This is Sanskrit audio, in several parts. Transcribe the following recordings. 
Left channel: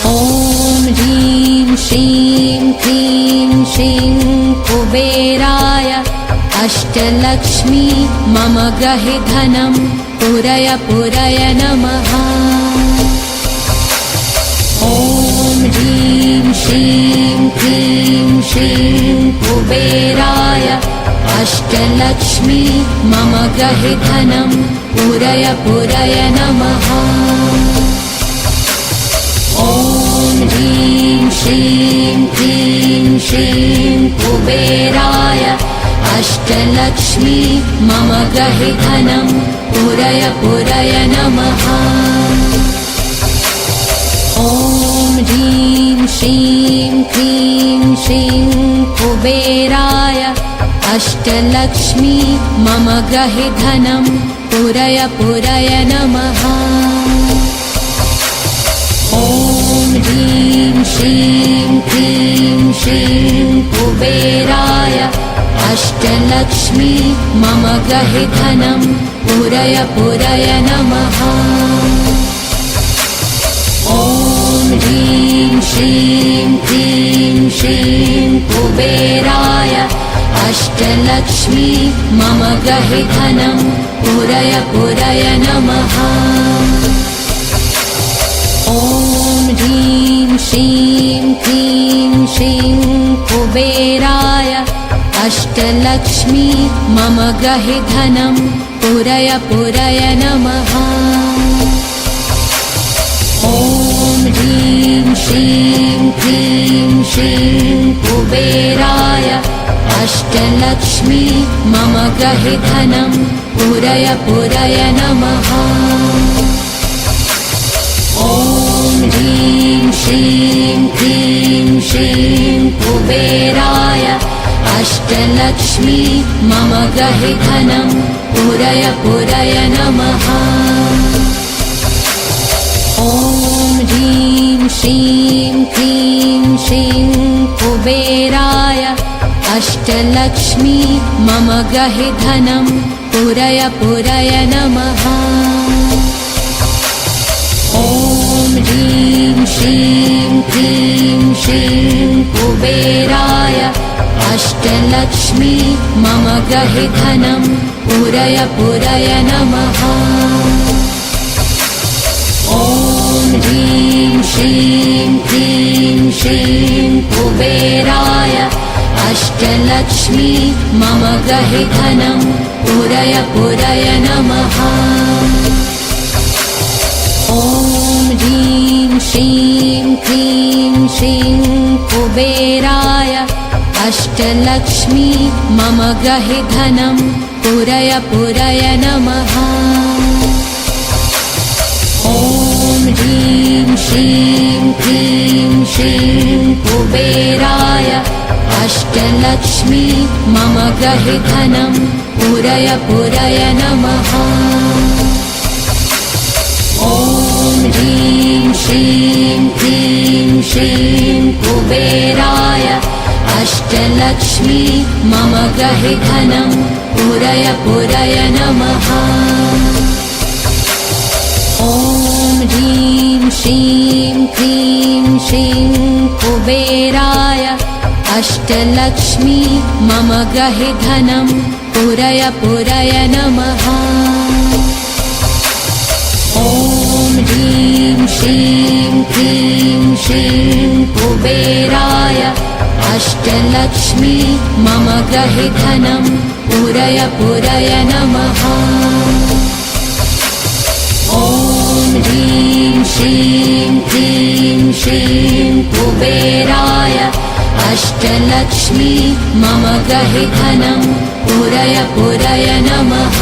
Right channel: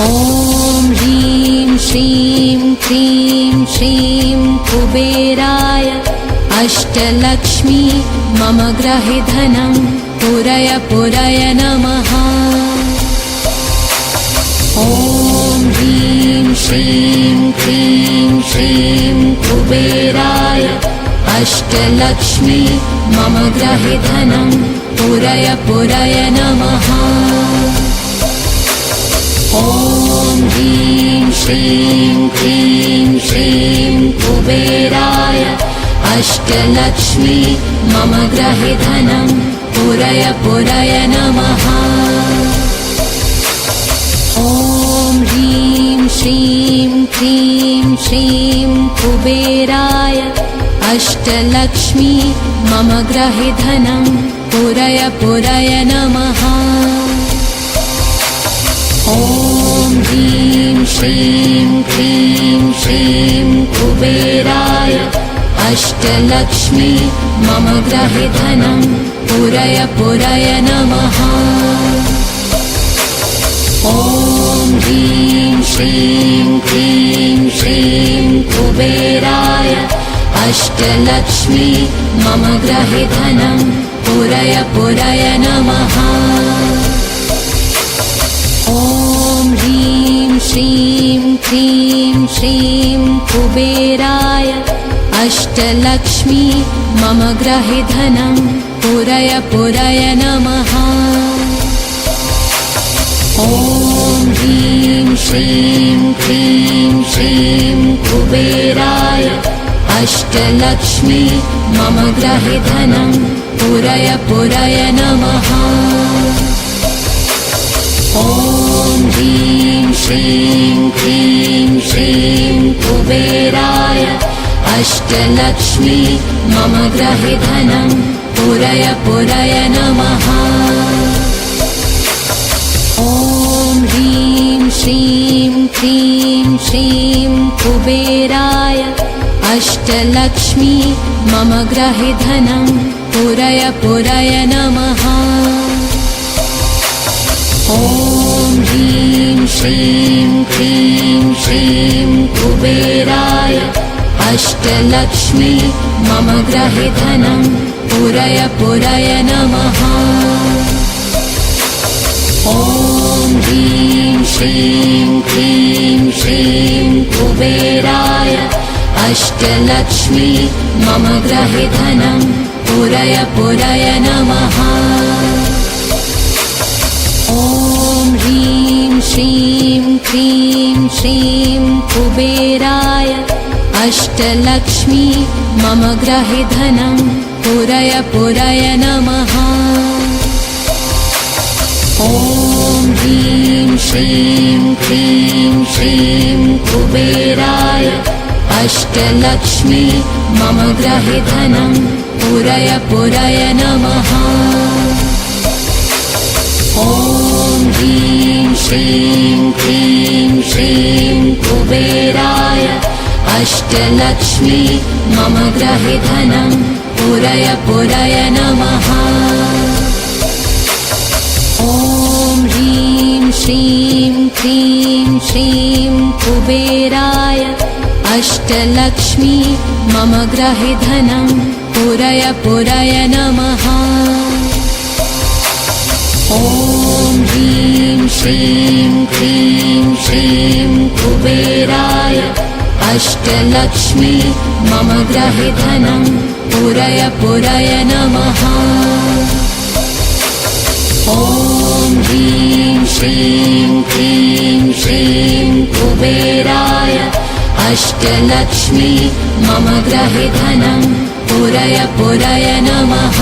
ॐ ह्रीं श्रीं क्रीं श्रीं कुबेराय अष्टलक्ष्मी मम ग्रहे धनं पुरय पुरय नमः। ॐ ह्रीं श्रीं क्रीं श्रीं कुबेराय अष्टलक्ष्मी मम ग्रहे धनं पुरय पुरय नमः। ॐ ह्रीं श्रीं क्रीं श्रीं कुबेराय अष्टलक्ष्मी मम ग्रहे धनं पुरय पुरय नमः। ॐ ह्रीं श्रीं क्रीं श्रीं कुबेराय अष्टलक्ष्मी मम ग्रहे धनं पुरय पुरय नमः। ॐ ह्रीं श्रीं क्रीं श्रीं कुबेराय अष्टलक्ष्मी मम ग्रहे धनं पुरय पुरय नमः। ॐ ह्रीं श्रीं क्रीं श्रीं कुबेराय अष्टलक्ष्मी मम ग्रहे धनं पुरय पुरय नमः। ॐ ह्रीं श्रीं क्रीं श्रीं कुबेराय अष्टलक्ष्मी मम ग्रहे धनं पुरय पुरय नमः। ॐ ह्रीं श्रीं क्रीं श्रीं कुबेराय अष्टलक्ष्मी मम ग्रहे धनं पुरय पुरय नमः। ॐ ह्रीं श्रीं क्रीं श्रीं कुबेराय अष्टलक्ष्मी मम ग्रहे धनं पुरय पुरय नमः। ॐ ह्रीं श्रीं क्रीं श्रीं कुबेराय अष्टलक्ष्मी मम ग्रहे धनं पुरय पुरय नमः। ॐ ह्रीं श्रीं क्रीं श्रीं कुबेराय अष्टलक्ष्मी मम ग्रहे धनं पुरय पुरय नमः। ॐ ह्रीं श्रीं क्रीं श्रीं कुबेराय अष्टलक्ष्मी मम ग्रहे धनं पुरय पुरय नमः। ॐ ह्रीं श्रीं क्रीं श्रीं कुबेराय अष्टलक्ष्मी मम ग्रहे धनं पुरय पुरय नमः। ॐ ह्रीं श्रीं क्रीं श्रीं कुबेराय अष्टलक्ष्मी मम ग्रहे धनं पुरय पुरय नमः। ॐ ह्रीं श्रीं क्रीं श्रीं कुबेराय अष्टलक्ष्मी मम ग्रहे धनं पुरय पुरय नमः। ॐ ह्रीं श्रीं क्रीं श्रीं कुबेराय अष्टलक्ष्मी मम ग्रहे धनं पुरय पुरय नमः। ॐ ह्रीं श्रीं क्रीं श्रीं कुबेराय अष्टलक्ष्मी मम ग्रहे धनं पुरय पुरय नमः। ॐ ह्रीं श्रीं क्रीं श्रीं कुबेराय अष्टलक्ष्मी मम ग्रहे धनं पुरय पुरय नमः।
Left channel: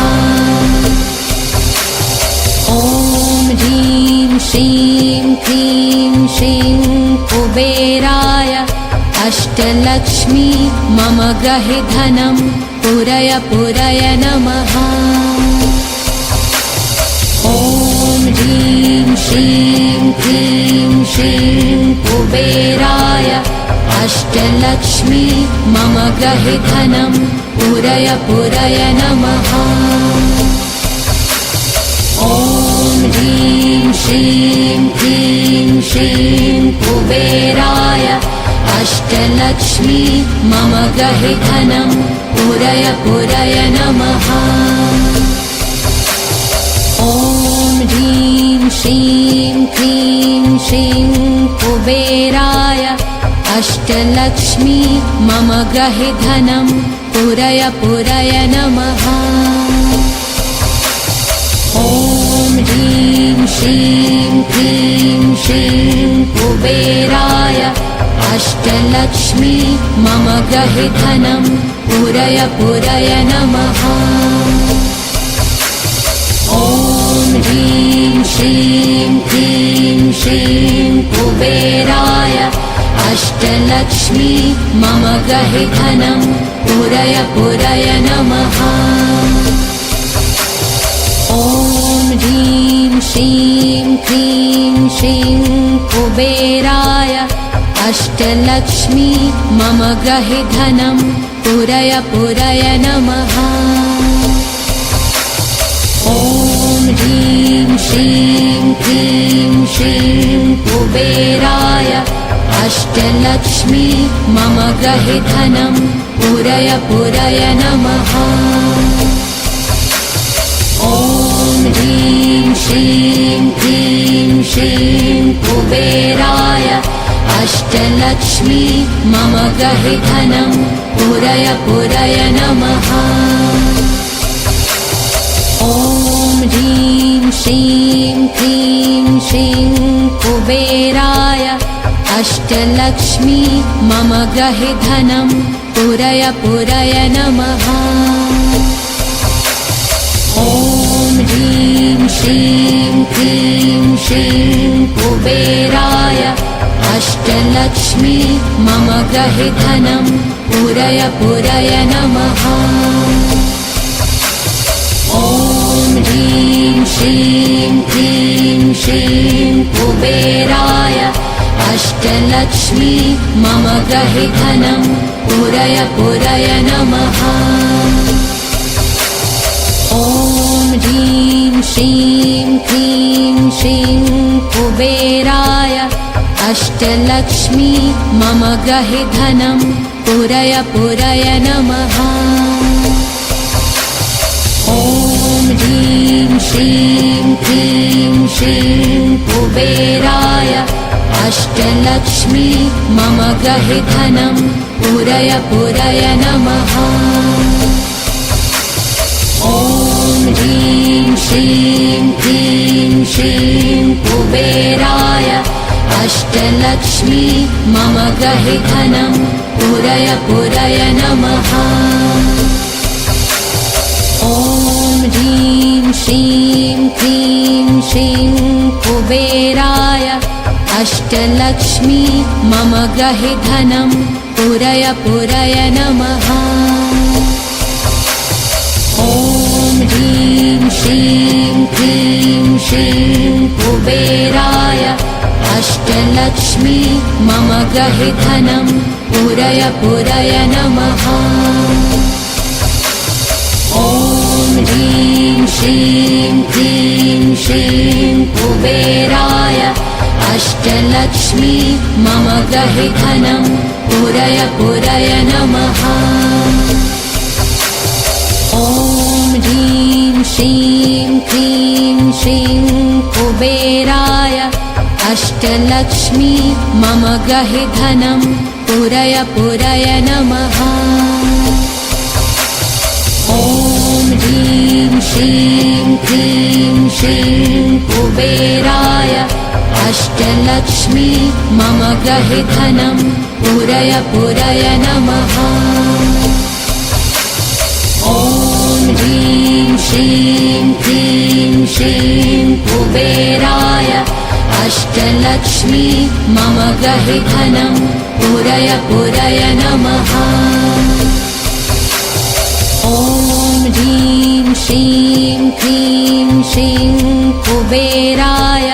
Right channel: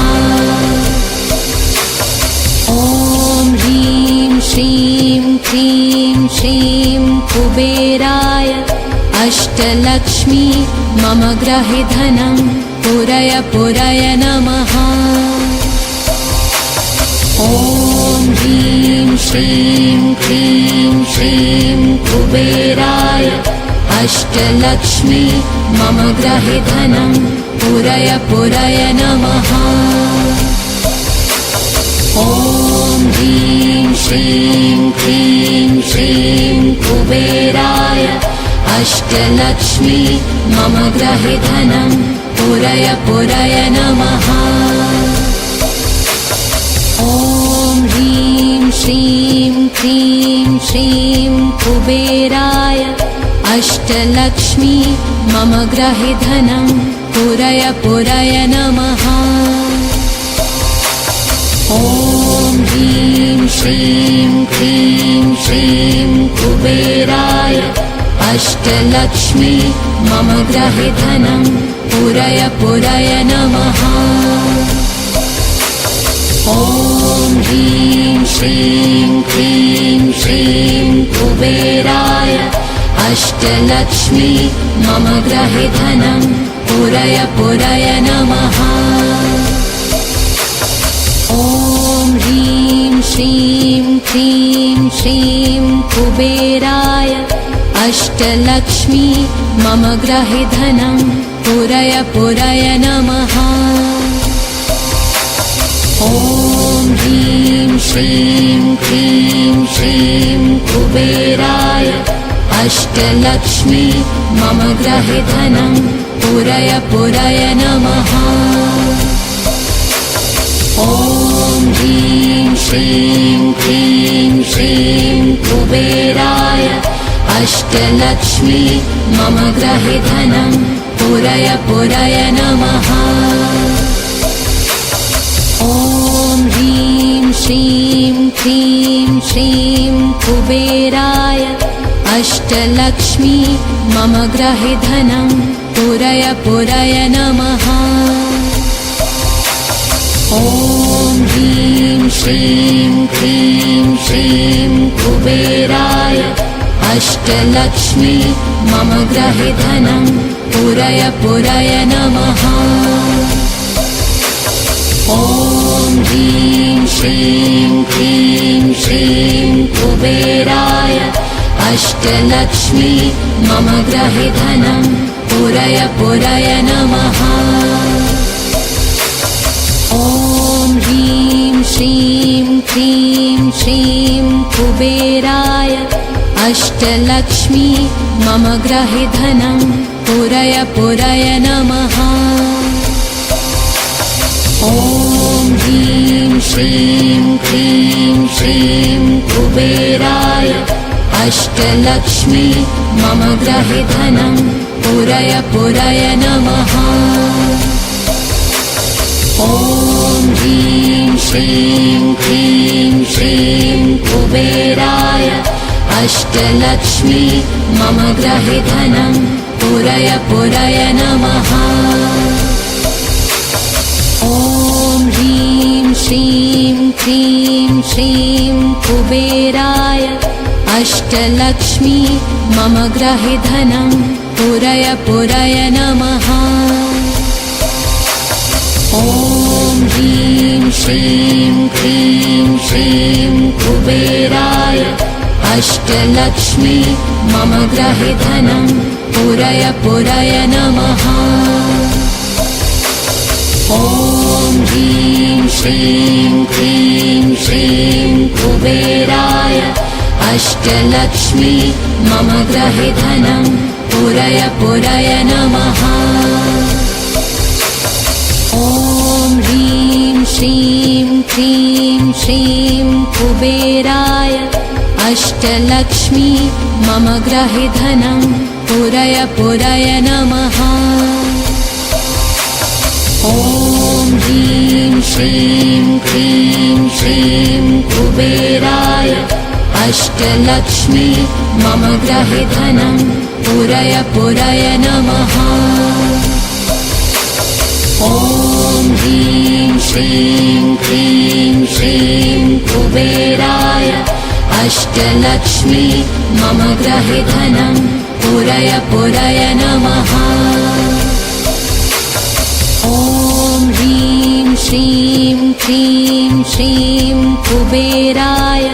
ॐ ह्रीं श्रीं क्रीं श्रीं कुबेराय अष्टलक्ष्मी मम ग्रहे धनं पुरय पुरय नमः। ॐ ह्रीं श्रीं क्रीं श्रीं कुबेराय अष्टलक्ष्मी मम ग्रहे धनं पुरय पुरय नमः। ॐ ह्रीं श्रीं क्रीं श्रीं ग्रहे धनं पुरय पुरय नमः। ॐ ह्रीं श्रीं क्लीं श्रीं कुबेराय अष्टलक्ष्मी मम ग्रहे धनं पुरय पुरय नमः। ॐ ह्रीं श्रीं क्लीं श्रीं कुबेराय अष्टलक्ष्मी मम ग्रहे धनं पुरय पुरय नमः। ॐ ह्रीं श्रीं क्लीं श्रीं कुबेराय अष्टलक्ष्मी मम ग्रहे धनं पुरय पुरय नमः। ॐ ह्रीं श्रीं क्लीं श्रीं कुबेराय अष्टलक्ष्मी मम ग्रहे धनं पुरय पुरय नमः। ॐ ह्रीं श्रीं क्लीं श्रीं कुबेराय अष्टलक्ष्मी मम ग्रहे धनं पुरय पुरय नमः। ॐ ह्रीं श्रीं क्लीं श्रीं कुबेराय अष्टलक्ष्मी मम ग्रहे धनं पुरय पुरय नमः। ॐ ह्रीं श्रीं क्लीं श्रीं कुबेराय अष्टलक्ष्मी मम ग्रहे धनं पुरय पुरय नमः। ॐ ह्रीं श्रीं क्लीं श्रीं कुबेराय अष्टलक्ष्मी मम ग्रहे धनं पुरय पुरय नमः। ॐ ह्रीं श्रीं क्लीं श्रीं कुबेराय अष्टलक्ष्मी मम ग्रहे धनं पुरय पुरय नमः। ॐ ह्रीं श्रीं क्लीं श्रीं कुबेराय अष्टलक्ष्मी मम ग्रहे धनं पुरय पुरय नमः। ॐ ह्रीं श्रीं क्लीं श्रीं कुबेराय अष्टलक्ष्मी मम ग्रहे धनं पुरय पुरय नमः। ॐ ह्रीं श्रीं क्लीं श्रीं कुबेराय अष्टलक्ष्मी मम ग्रहे धनं पुरय पुरय नमः। ॐ ह्रीं श्रीं क्लीं श्रीं कुबेराय अष्टलक्ष्मी मम ग्रहे धनं पुरय पुरय नमः। ॐ ह्रीं श्रीं क्लीं श्रीं कुबेराय अष्टलक्ष्मी मम ग्रहे धनं पुरय पुरय नमः। ॐ ह्रीं श्रीं क्लीं श्रीं कुबेराय अष्टलक्ष्मी मम ग्रहे धनं पुरय पुरय नमः। ॐ ह्रीं श्रीं क्लीं श्रीं कुबेराय अष्टलक्ष्मी मम ग्रहे धनं पुरय पुरय नमः। ॐ ह्रीं श्रीं क्लीं श्रीं कुबेराय अष्टलक्ष्मी मम ग्रहे धनं पुरय पुरय नमः। ॐ ह्रीं श्रीं क्लीं श्रीं कुबेराय अष्टलक्ष्मी मम ग्रहे धनं पुरय पुरय नमः। ॐ ह्रीं श्रीं क्लीं श्रीं कुबेराय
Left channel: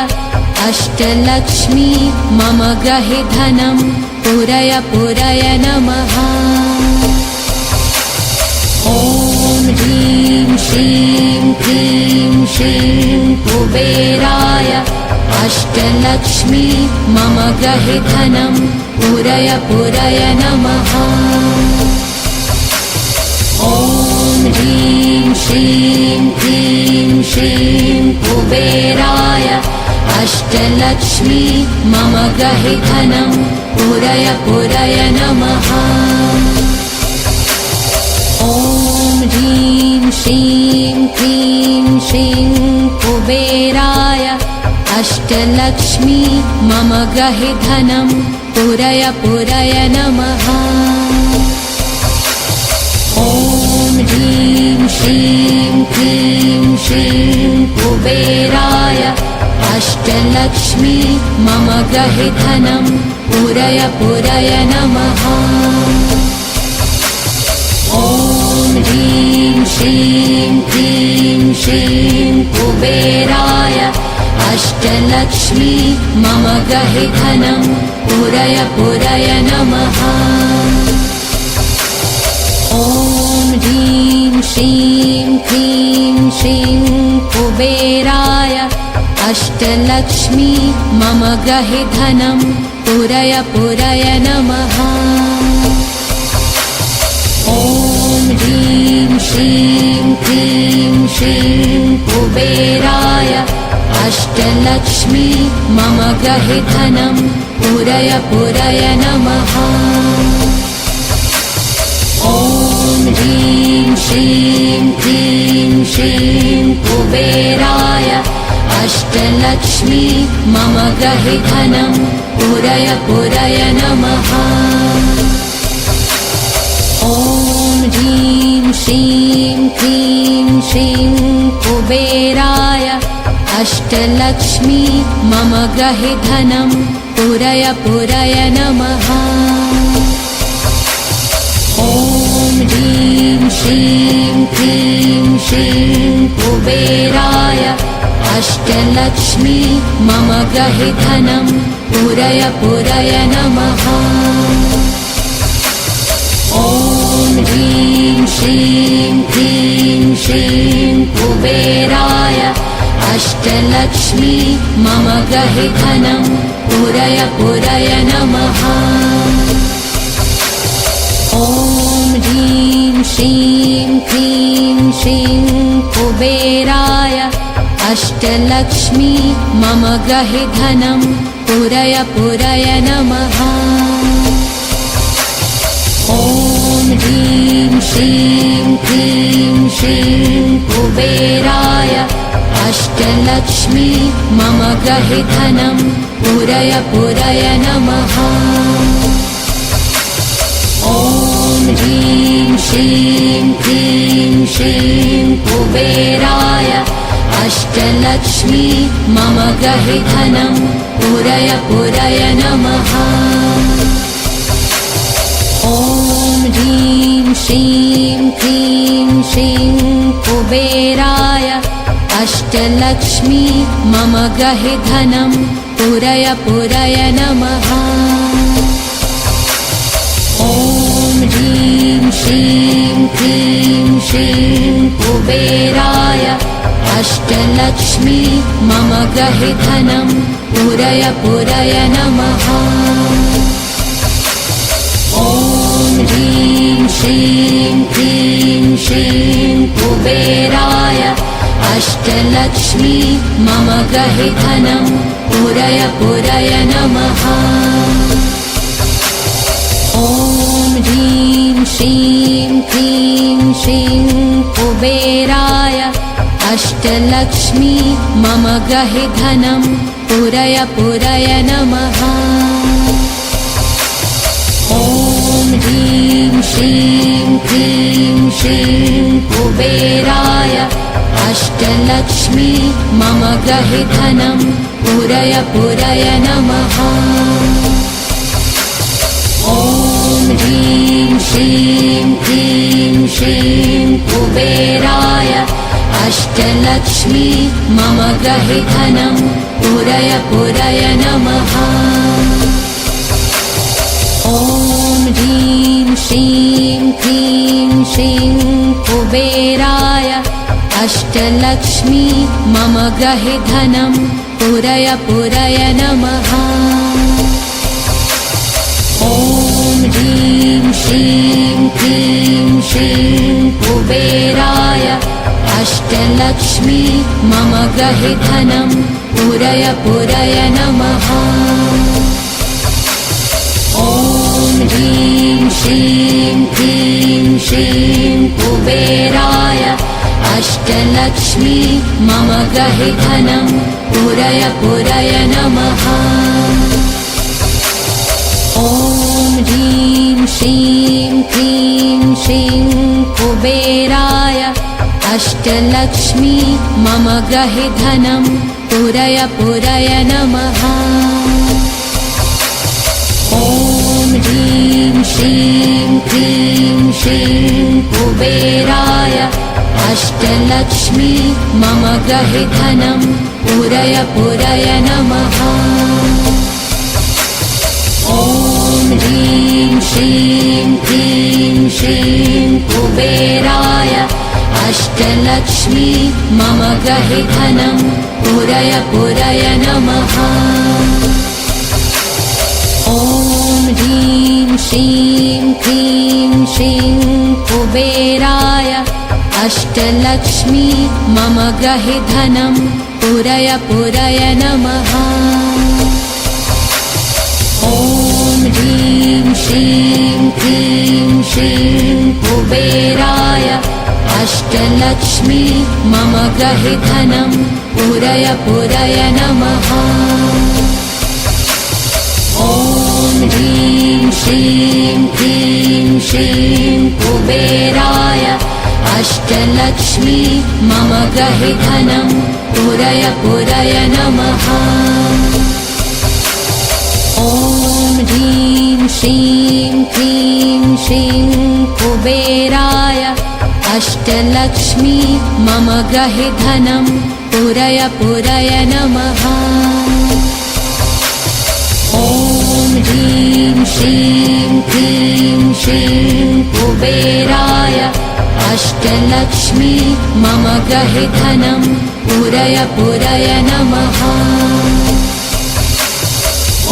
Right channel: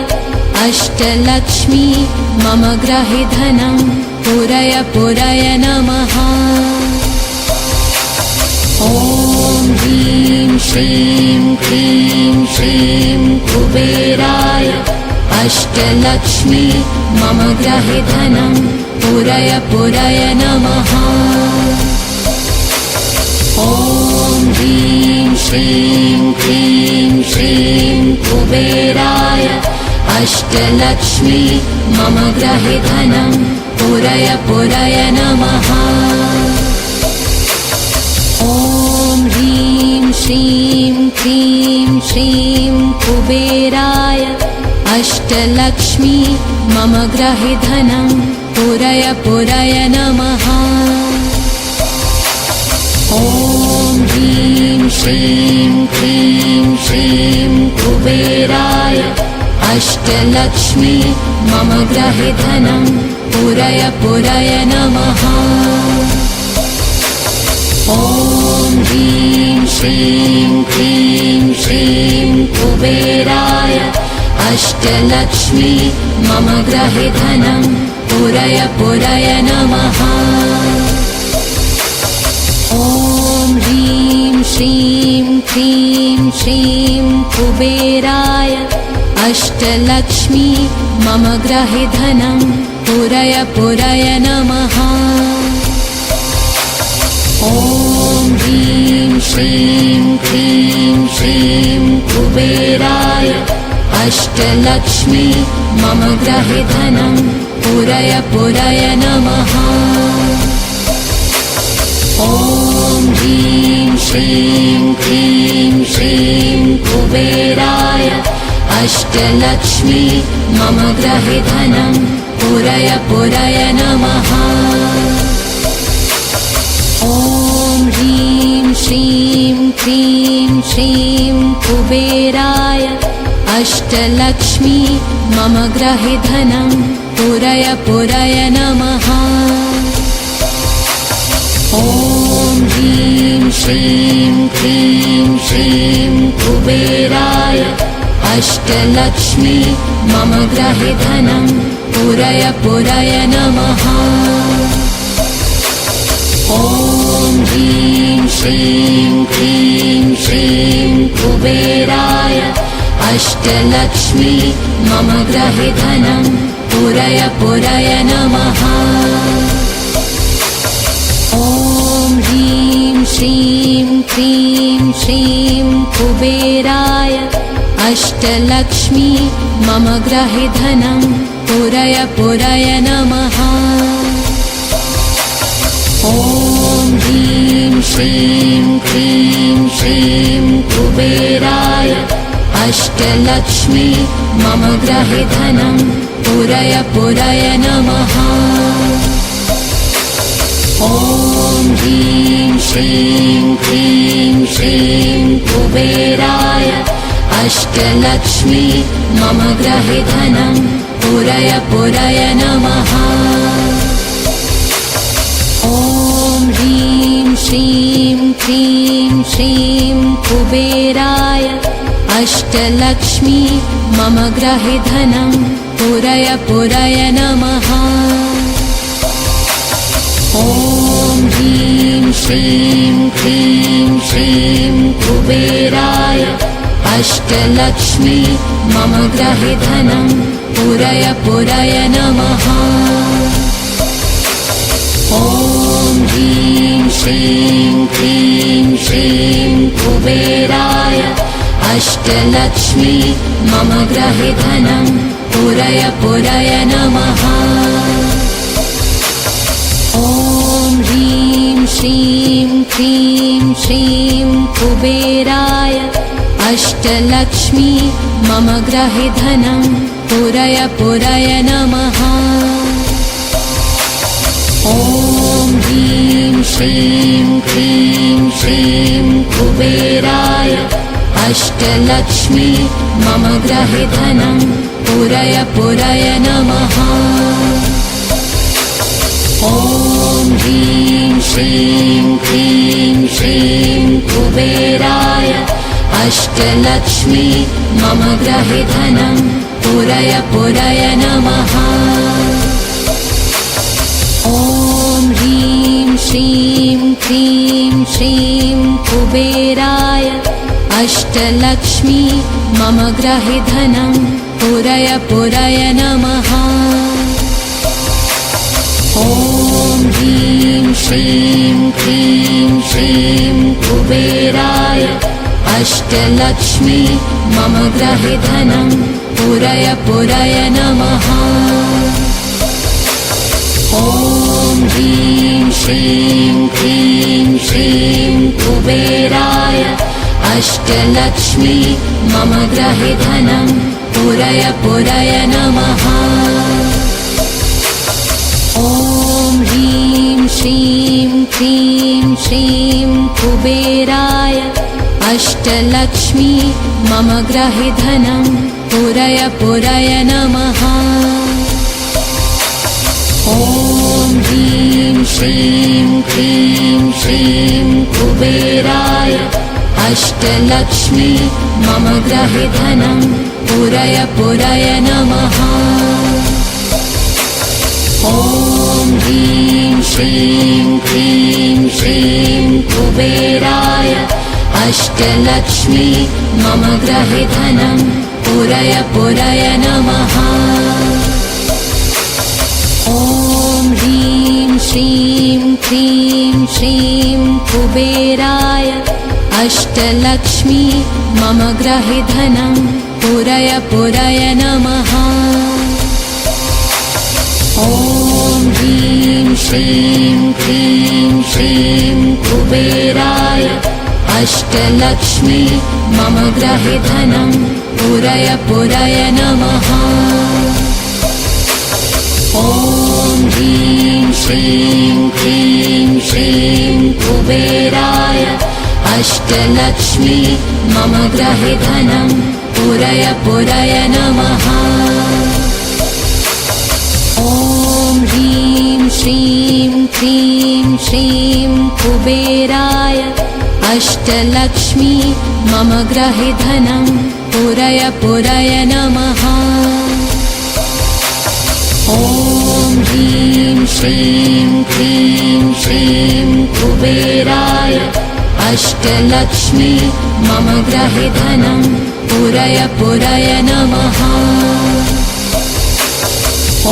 अष्टलक्ष्मी मम ग्रहे धनं पुरय पुरय नमः। ॐ ह्रीं श्रीं क्लीं श्रीं कुबेराय अष्टलक्ष्मी मम ग्रहे धनं पुरय पुरय नमः। ॐ ह्रीं श्रीं क्लीं श्रीं कुबेराय अष्टलक्ष्मी मम गृहे धनं पुरय पुरय नमः। ॐ ह्रीं श्रीं क्लीं श्रीं कुबेराय अष्टलक्ष्मी मम गृहे धनं पुरय पुरय नमः। ॐ ह्रीं श्रीं क्लीं श्रीं कुबेराय अष्टलक्ष्मी मम गृहे धनं पुरय पुरय नमः। ॐ ह्रीं श्रीं क्लीं श्रीं कुबेराय अष्टलक्ष्मी मम गृहे धनं पुरय पुरय नमः। ॐ ह्रीं श्रीं क्लीं श्रीं कुबेराय अष्टलक्ष्मी मम गृहे धनं पुरय पुरय नमः। ॐ ह्रीं श्रीं क्लीं श्रीं कुबेराय अष्टलक्ष्मी मम गृहे धनं पुरय पुरय नमः। ॐ ह्रीं श्रीं क्लीं श्रीं कुबेराय अष्टलक्ष्मी मम गृहे धनं पुरय पुरय नमः। ॐ ह्रीं श्रीं क्लीं श्रीं कुबेराय अष्टलक्ष्मी मम गृहे धनं पुरय पुरय नमः। ॐ ह्रीं श्रीं क्लीं श्रीं कुबेराय अष्टलक्ष्मी मम गृहे धनं पुरय पुरय नमः। ॐ ह्रीं श्रीं क्लीं श्रीं कुबेराय अष्टलक्ष्मी मम गृहे धनं पुरय पुरय नमः। ॐ ह्रीं श्रीं क्लीं श्रीं कुबेराय अष्टलक्ष्मी मम गृहे धनं पुरय पुरय नमः। ॐ ह्रीं श्रीं क्लीं श्रीं कुबेराय अष्टलक्ष्मी मम गृहे धनं पुरय पुरय नमः। ॐ ह्रीं श्रीं क्लीं श्रीं कुबेराय अष्टलक्ष्मी मम गृहे धनं पुरय पुरय नमः। ॐ ह्रीं श्रीं क्लीं श्रीं कुबेराय अष्टलक्ष्मी मम गृहे धनं पुरय पुरय नमः। ॐ ह्रीं श्रीं क्लीं श्रीं कुबेराय अष्टलक्ष्मी मम गृहे धनं पुरय पुरय नमः। ॐ ह्रीं श्रीं क्लीं श्रीं कुबेराय अष्टलक्ष्मी मम गृहे धनं पुरय पुरय नमः। ॐ ह्रीं श्रीं क्लीं श्रीं कुबेराय अष्टलक्ष्मी मम गृहे धनं पुरय पुरय नमः। ॐ ह्रीं श्रीं क्लीं श्रीं कुबेराय अष्टलक्ष्मी मम गृहे धनं पुरय पुरय नमः। ॐ ह्रीं श्रीं क्लीं श्रीं कुबेराय अष्टलक्ष्मी मम गृहे धनं पुरय पुरय नमः। ॐ ह्रीं श्रीं क्लीं श्रीं कुबेराय अष्टलक्ष्मी मम गृहे धनं पुरय पुरय नमः। ॐ ह्रीं श्रीं क्लीं श्रीं अष्टलक्ष्मी मम ग्रहे धनं पूरय पूरय नमः। ॐ ह्रीं श्रीं क्लीं श्रीं कुबेराय अष्टलक्ष्मी मम ग्रहे धनं पूरय पूरय नमः। ॐ ह्रीं श्रीं क्लीं श्रीं कुबेराय अष्टलक्ष्मी मम ग्रहे धनं पूरय पूरय नमः। ॐ ह्रीं श्रीं क्लीं श्रीं कुबेराय अष्टलक्ष्मी मम ग्रहे धनं पूरय पूरय नमः। ॐ ह्रीं श्रीं क्लीं श्रीं कुबेराय अष्टलक्ष्मी मम ग्रहे धनं पूरय पूरय नमः। ॐ ह्रीं श्रीं क्लीं श्रीं कुबेराय अष्टलक्ष्मी मम ग्रहे धनं पूरय पूरय नमः। ॐ ह्रीं श्रीं क्लीं श्रीं कुबेराय अष्टलक्ष्मी मम ग्रहे धनं पूरय पूरय नमः। ॐ ह्रीं श्रीं क्लीं श्रीं कुबेराय अष्टलक्ष्मी मम ग्रहे धनं पूरय पूरय नमः। ॐ ह्रीं श्रीं क्लीं श्रीं कुबेराय अष्टलक्ष्मी मम ग्रहे धनं पूरय पूरय नमः। ॐ ह्रीं श्रीं क्लीं श्रीं कुबेराय अष्टलक्ष्मी मम ग्रहे धनं पूरय पूरय नमः।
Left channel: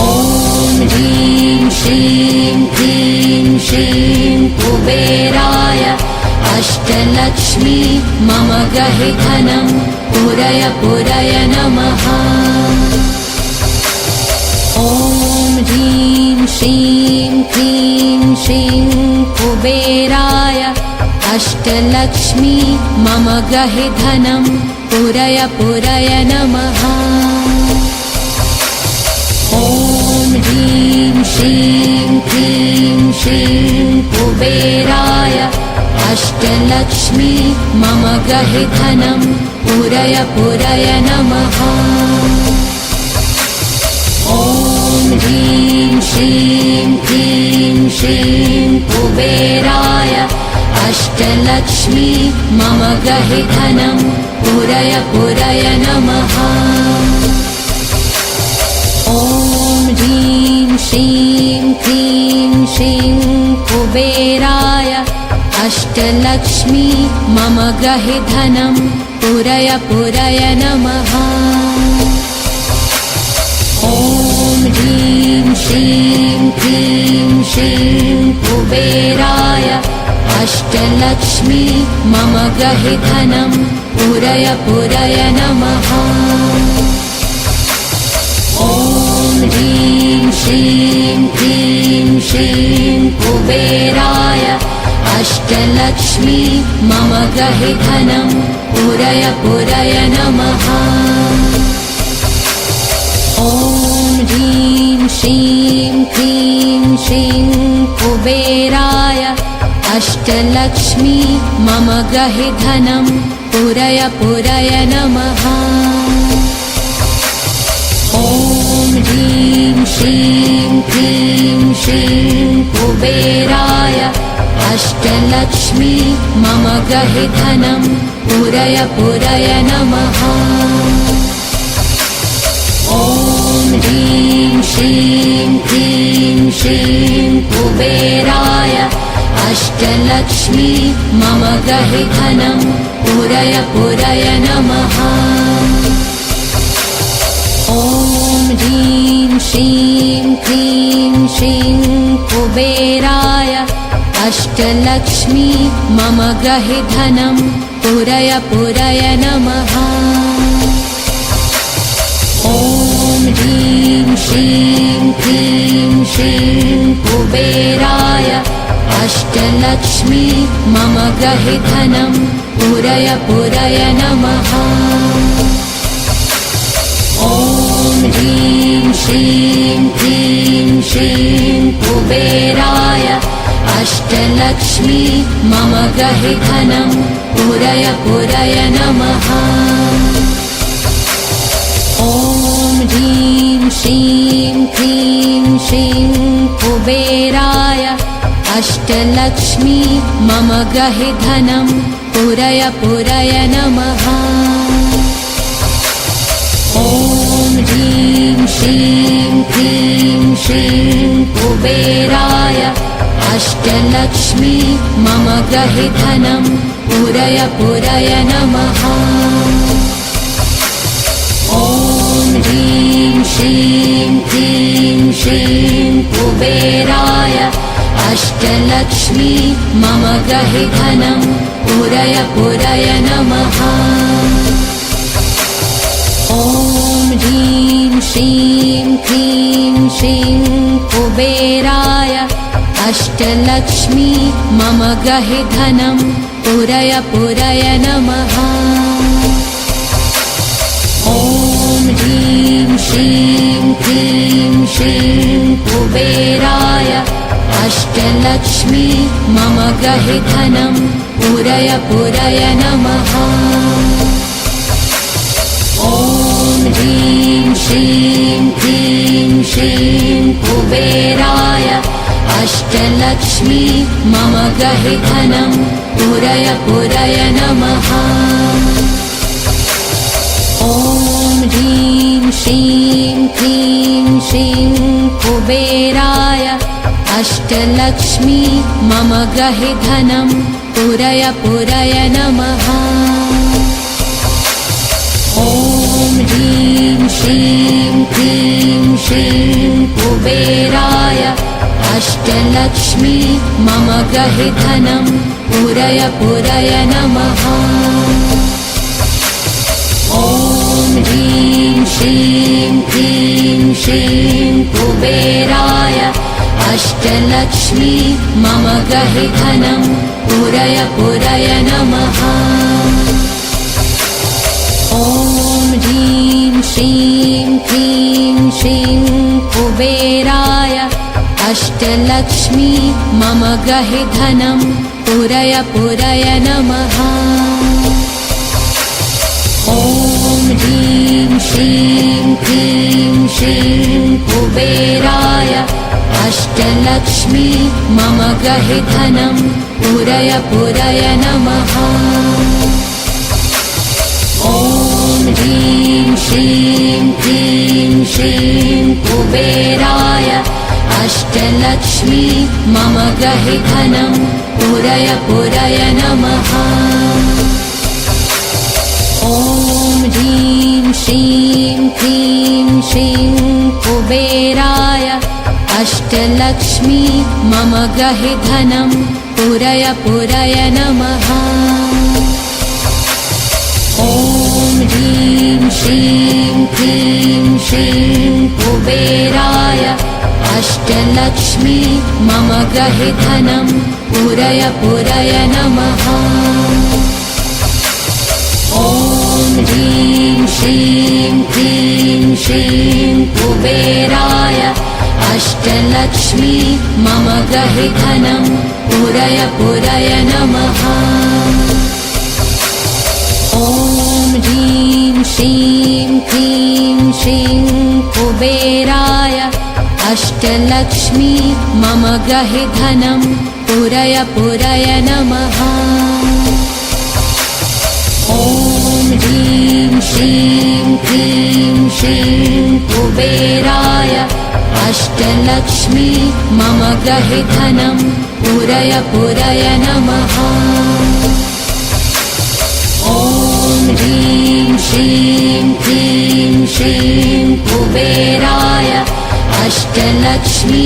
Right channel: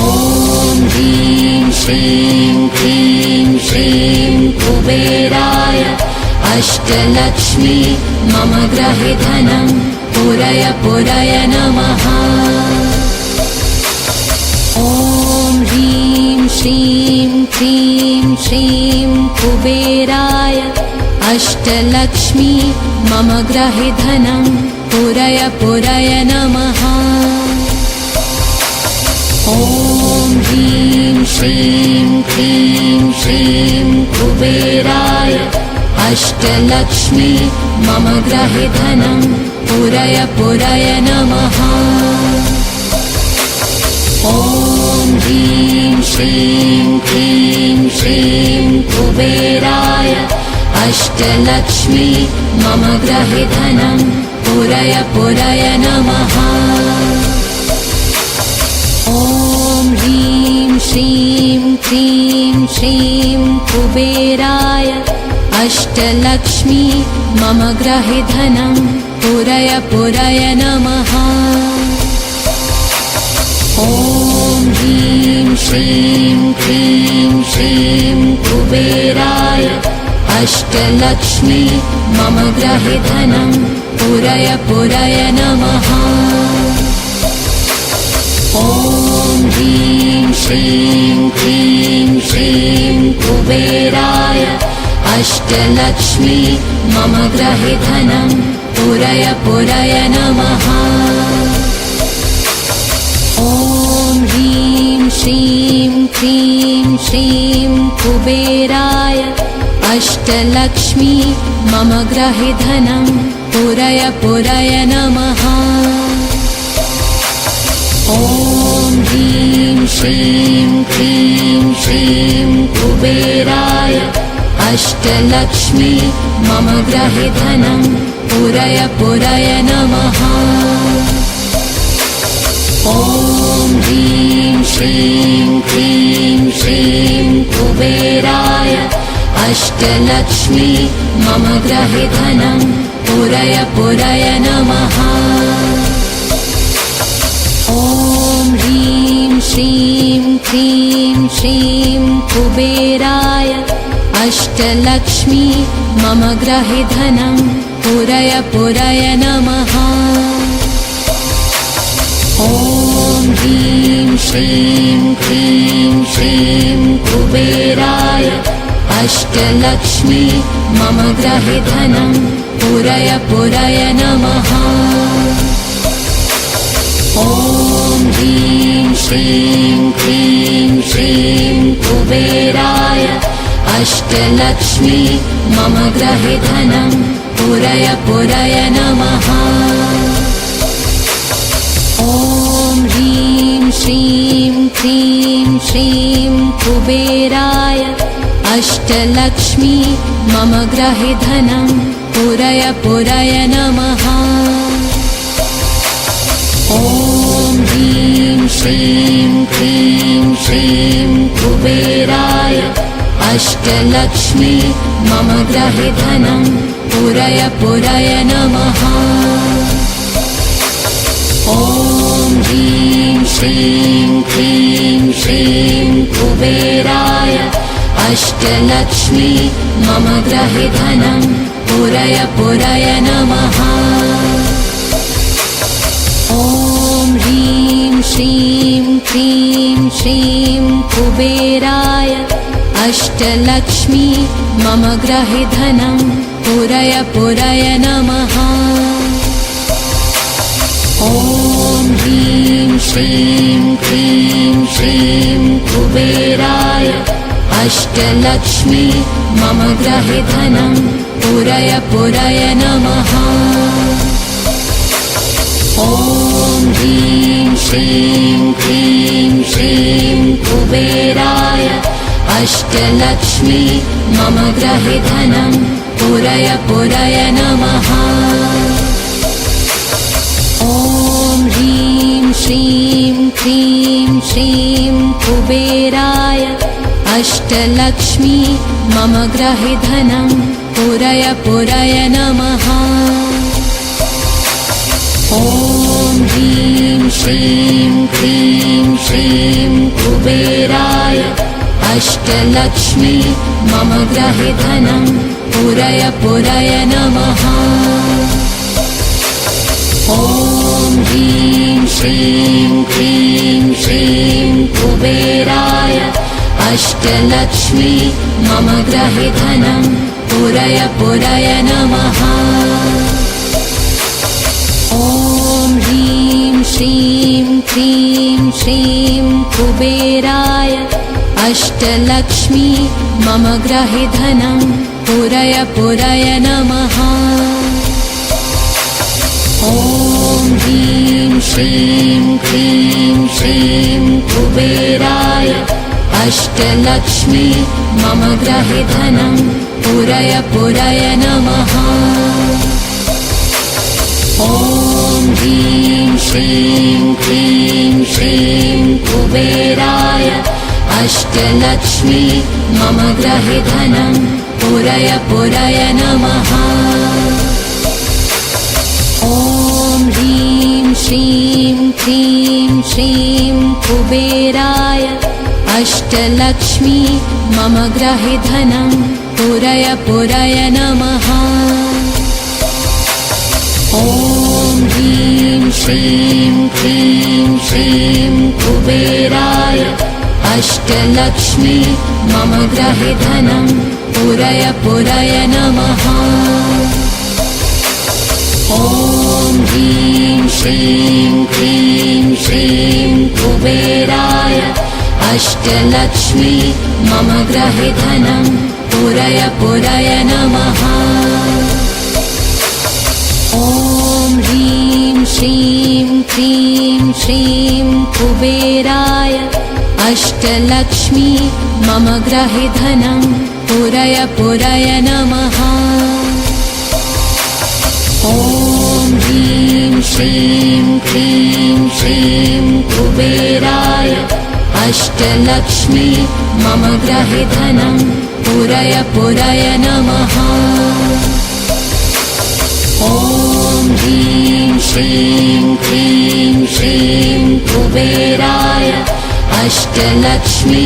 ॐ ह्रीं श्रीं क्लीं श्रीं कुबेराय अष्टलक्ष्मी मम ग्रहे धनं पूरय पूरय नमः। ॐ ह्रीं श्रीं क्लीं श्रीं कुबेराय अष्टलक्ष्मी मम ग्रहे धनं पूरय पूरय नमः। ॐ ह्रीं श्रीं क्लीं श्रीं कुबेराय अष्टलक्ष्मी मम ग्रहे धनं पूरय पूरय नमः। ॐ ह्रीं श्रीं क्लीं श्रीं कुबेराय अष्टलक्ष्मी मम ग्रहे धनं पूरय पूरय नमः। ॐ ह्रीं श्रीं क्लीं श्रीं कुबेराय अष्टलक्ष्मी मम ग्रहे धनं पूरय पूरय नमः। ॐ ह्रीं श्रीं क्लीं श्रीं कुबेराय अष्टलक्ष्मी मम ग्रहे धनं पूरय पूरय नमः। ॐ ह्रीं श्रीं क्लीं श्रीं कुबेराय अष्टलक्ष्मी मम ग्रहे धनं पूरय पूरय नमः। ॐ ह्रीं श्रीं क्लीं श्रीं कुबेराय अष्टलक्ष्मी मम ग्रहे धनं पूरय पूरय नमः। ॐ ह्रीं श्रीं क्लीं श्रीं कुबेराय अष्टलक्ष्मी मम ग्रहे धनं पूरय पूरय नमः। ॐ ह्रीं श्रीं क्लीं श्रीं कुबेराय अष्टलक्ष्मी मम ग्रहे धनं पूरय पूरय नमः। ॐ ह्रीं श्रीं क्लीं श्रीं कुबेराय अष्टलक्ष्मी मम ग्रहे धनं पूरय पूरय नमः। ॐ ह्रीं श्रीं क्लीं श्रीं कुबेराय अष्टलक्ष्मी मम गृहे धनं पूरय पूरय नमः। ॐ ह्रीं श्रीं क्लीं श्रीं कुबेराय अष्टलक्ष्मी मम गृहे धनं पूरय पूरय नमः। ॐ ह्रीं श्रीं क्लीं श्रीं कुबेराय अष्टलक्ष्मी मम गृहे धनं पूरय पूरय नमः। ॐ ह्रीं श्रीं क्लीं श्रीं कुबेराय अष्टलक्ष्मी मम गृहे धनं पूरय पूरय नमः। ॐ ह्रीं श्रीं क्लीं श्रीं कुबेराय अष्टलक्ष्मी मम गृहे धनं पूरय पूरय नमः। ॐ ह्रीं श्रीं क्लीं श्रीं कुबेराय अष्टलक्ष्मी मम गृहे धनं पूरय पूरय नमः। ॐ ह्रीं श्रीं क्लीं श्रीं कुबेराय अष्टलक्ष्मी मम गृहे धनं पूरय पूरय नमः। ॐ ह्रीं श्रीं क्लीं श्रीं कुबेराय अष्टलक्ष्मी मम गृहे धनं पूरय पूरय नमः। ॐ ह्रीं श्रीं क्लीं श्रीं कुबेराय अष्टलक्ष्मी मम गृहे धनं पूरय पूरय नमः। ॐ ह्रीं श्रीं क्लीं श्रीं कुबेराय अष्टलक्ष्मी मम गृहे धनं पूरय पूरय नमः। ॐ ह्रीं श्रीं क्लीं श्रीं कुबेराय अष्टलक्ष्मी मम गृहे धनं पूरय पूरय नमः। ॐ ह्रीं श्रीं क्लीं श्रीं कुबेराय अष्टलक्ष्मी मम गृहे धनं पूरय पूरय नमः। ॐ ह्रीं श्रीं क्लीं श्रीं कुबेराय अष्टलक्ष्मी मम गृहे धनं पूरय पूरय नमः। ॐ ह्रीं श्रीं क्लीं श्रीं कुबेराय अष्टलक्ष्मी मम गृहे धनं पूरय पूरय नमः। ॐ ह्रीं श्रीं क्लीं श्रीं कुबेराय अष्टलक्ष्मी मम गृहे धनं पूरय पूरय नमः। ॐ ह्रीं श्रीं क्लीं श्रीं कुबेराय अष्टलक्ष्मी मम गृहे धनं पूरय पूरय नमः। ॐ ह्रीं श्रीं क्लीं श्रीं कुबेराय अष्टलक्ष्मी मम गृहे धनं पूरय पूरय नमः। ॐ ह्रीं श्रीं क्लीं श्रीं कुबेराय अष्टलक्ष्मी मम गृहे धनं पूरय पूरय नमः। ॐ ह्रीं श्रीं क्लीं श्रीं कुबेराय अष्टलक्ष्मी मम गृहे धनं पूरय पूरय नमः। ॐ ह्रीं श्रीं क्लीं श्रीं कुबेराय अष्टलक्ष्मी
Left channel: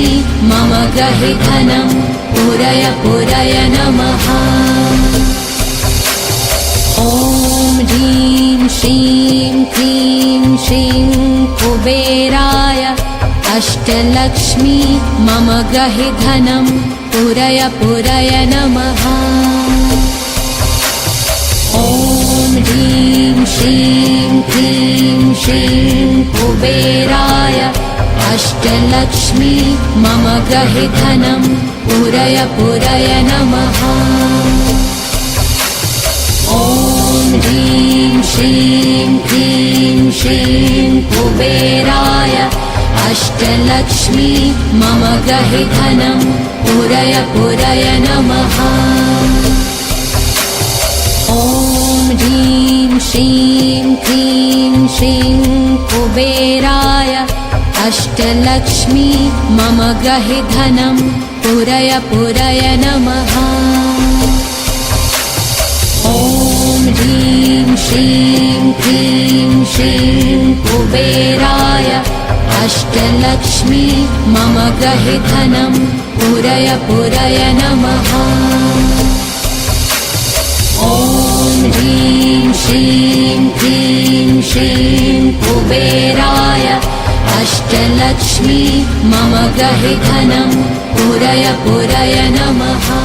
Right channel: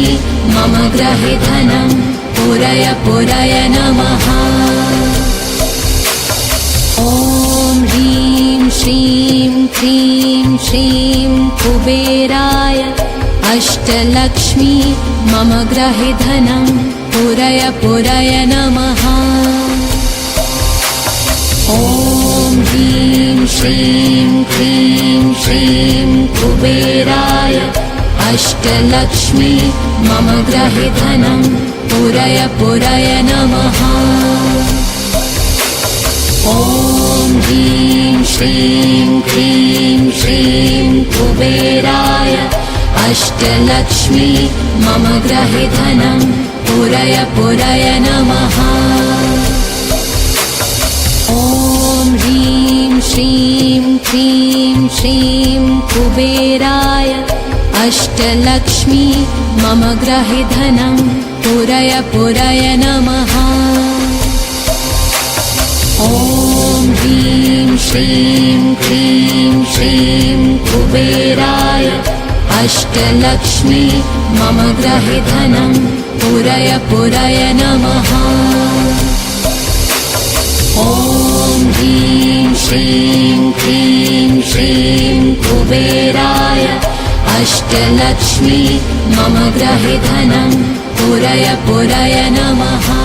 मम गृहे धनं पूरय पूरय नमः। ॐ ग्रहि धनं पूरय पूरय नमः। ॐ ह्रीं श्रीं क्लीं श्रीं कुबेराय अष्टलक्ष्मी मम ग्रहि धनं पूरय पूरय नमः। ॐ ह्रीं श्रीं क्लीं श्रीं कुबेराय अष्टलक्ष्मी मम ग्रहि धनं पूरय पूरय नमः। ॐ ह्रीं श्रीं क्लीं श्रीं कुबेराय अष्टलक्ष्मी मम ग्रहि धनं पूरय पूरय नमः। ॐ ह्रीं श्रीं क्लीं श्रीं कुबेराय अष्टलक्ष्मी मम ग्रहि धनं पूरय पूरय नमः। ॐ ह्रीं श्रीं क्लीं श्रीं कुबेराय अष्टलक्ष्मी मम ग्रहि धनं पूरय पूरय नमः।